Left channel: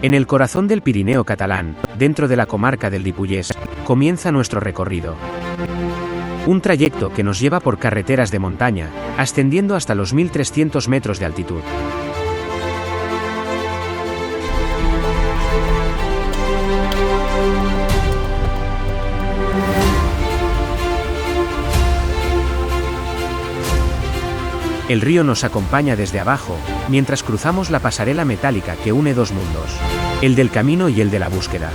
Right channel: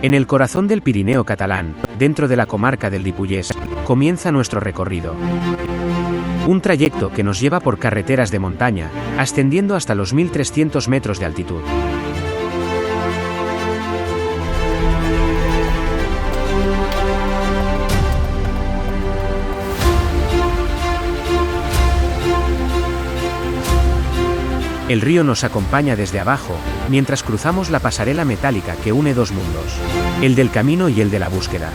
En el corazón del Pirineo catalán, dentro de la comarca del Ripollès, comienza nuestro recorrido. Un trayecto que nos lleva por carreteras de montaña, ascendiendo hasta los 1300 metros de altitud. El río nos acompaña desde abajo, mientras cruzamos la pasarela metálica que une dos mundos, el del camino y el de la búsqueda.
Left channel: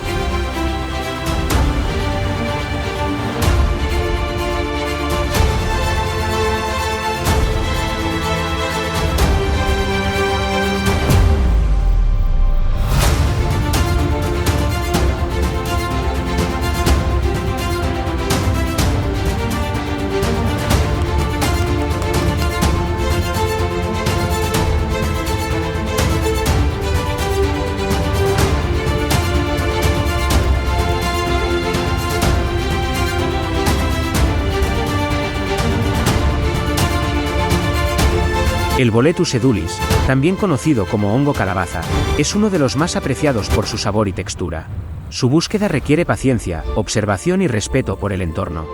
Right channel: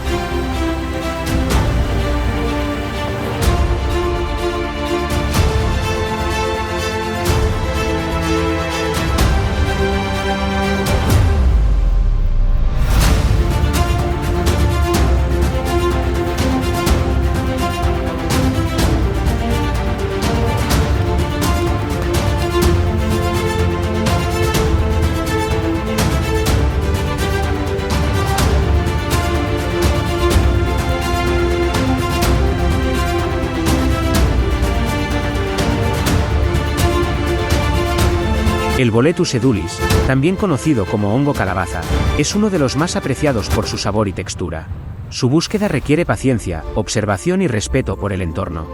El Boletus edulis, también conocido como hongo calabaza, es uno de los más apreciados por su sabor y textura. Su búsqueda requiere paciencia, observación y respeto por el entorno.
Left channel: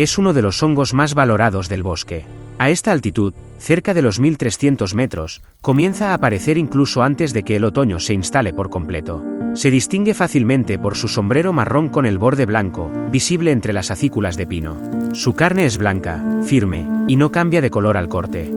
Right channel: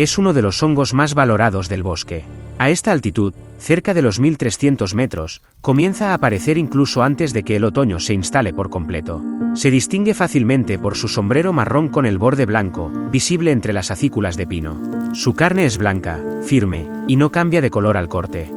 Es uno de los hongos más valorados del bosque. A esta altitud, cerca de los 1300 metros, comienza a aparecer incluso antes de que el otoño se instale por completo. Se distingue fácilmente por su sombrero marrón con el borde blanco, visible entre las acículas de pino. Su carne es blanca, firme, y no cambia de color al corte.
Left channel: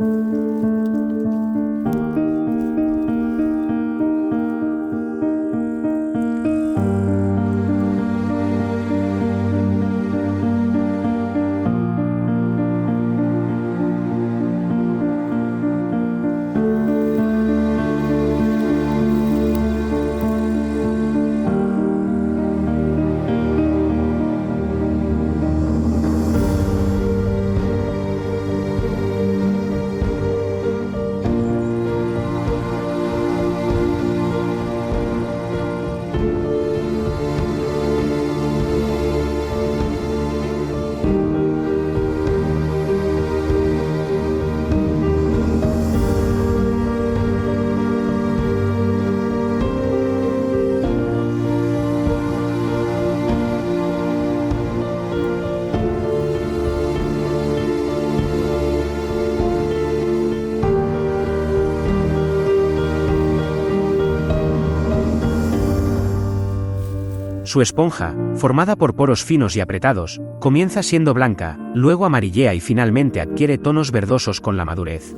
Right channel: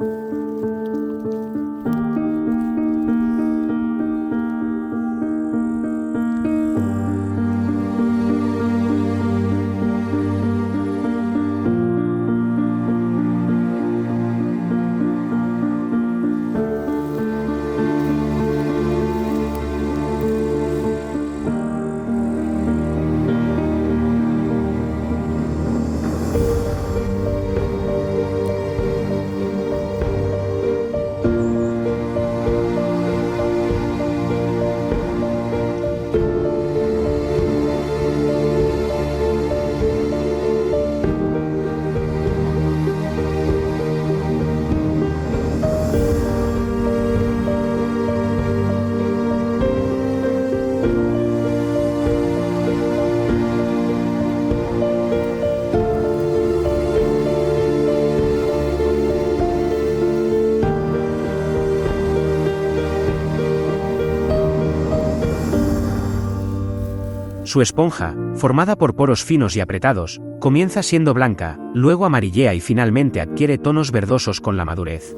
Su esponja, formada por poros finos y apretados, comienza siendo blanca, luego amarillea y finalmente adquiere tonos verdosos con la madurez.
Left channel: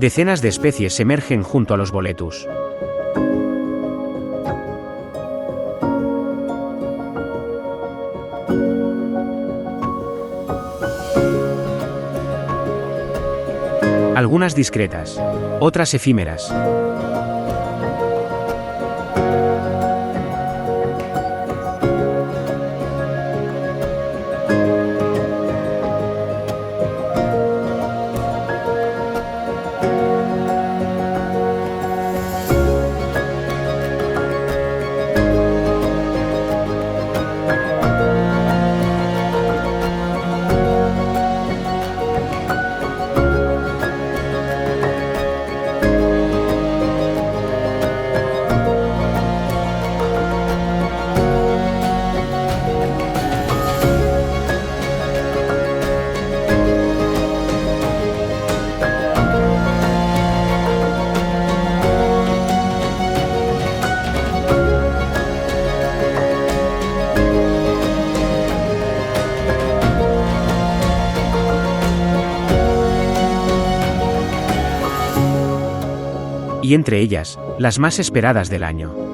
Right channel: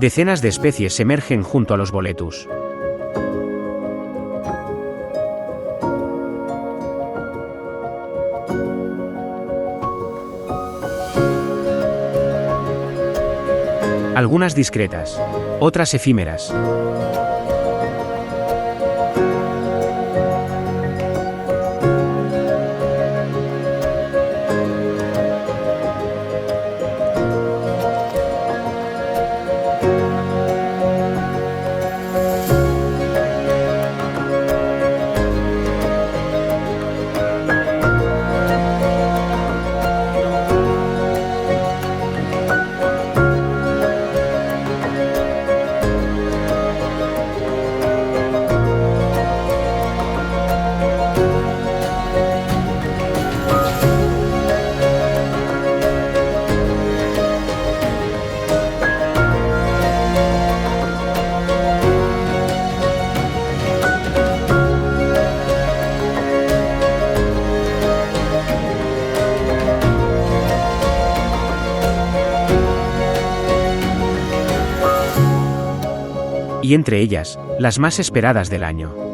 Decenas de especies emergen junto a los Boletus. Algunas discretas, otras efímeras. y entre ellas, las más esperadas del año.